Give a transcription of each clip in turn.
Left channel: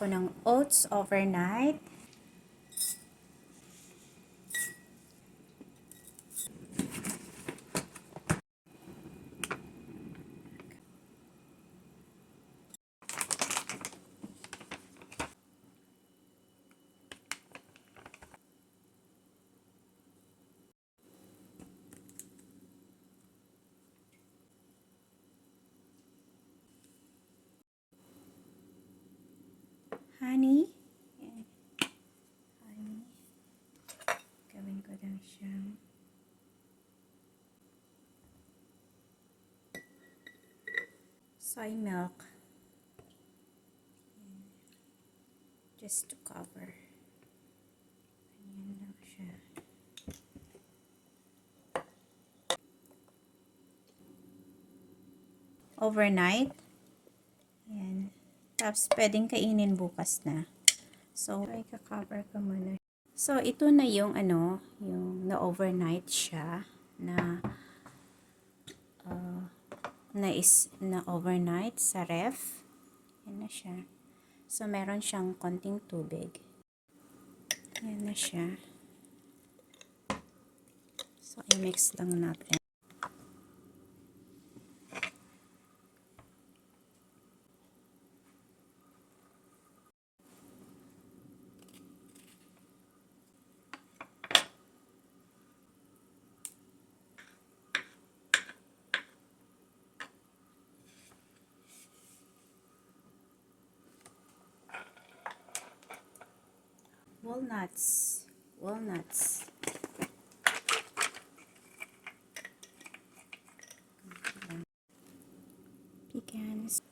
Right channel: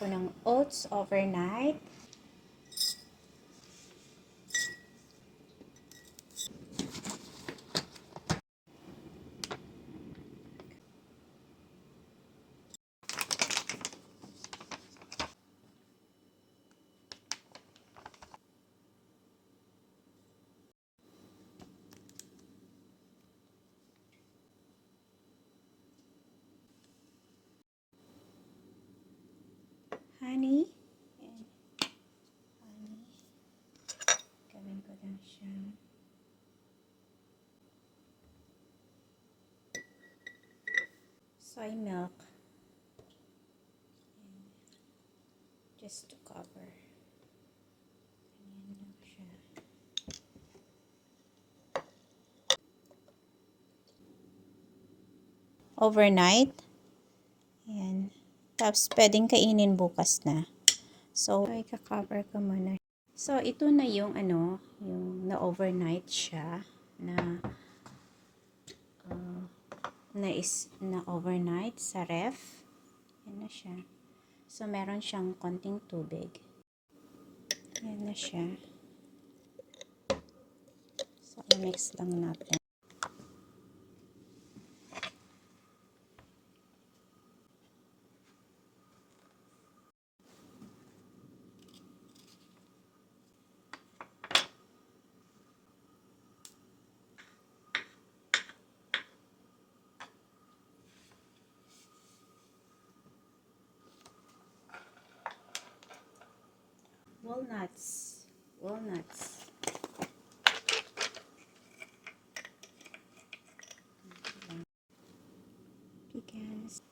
ako ng oats overnight. Honey. Honey. Gawin ko lang siya. Soy milk. Just to cover. Ganyan lang siya. Overnight. Ayan. Tapos, pwedeng kainin bukas na. So, i-cover ko muna. So, ito na yung yung na-overnight siya na overnight sa ref. Yan na siya. So, meron siyang konting tubig. Yan na siya. So, i-mix lang natin. Walnuts. Pecans.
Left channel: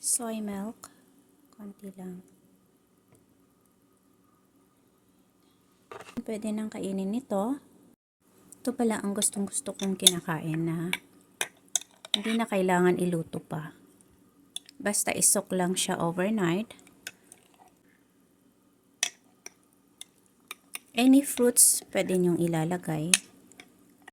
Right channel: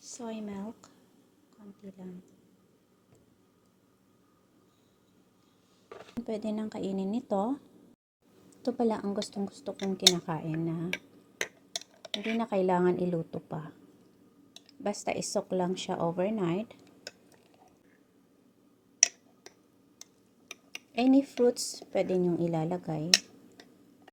Soy milk. Konti lang. Pwede nang kainin ito. Ito pala ang gustong-gusto kong kinakain na hindi na kailangan iluto pa. Basta isok lang siya overnight. Any fruits pwede nyong ilalagay.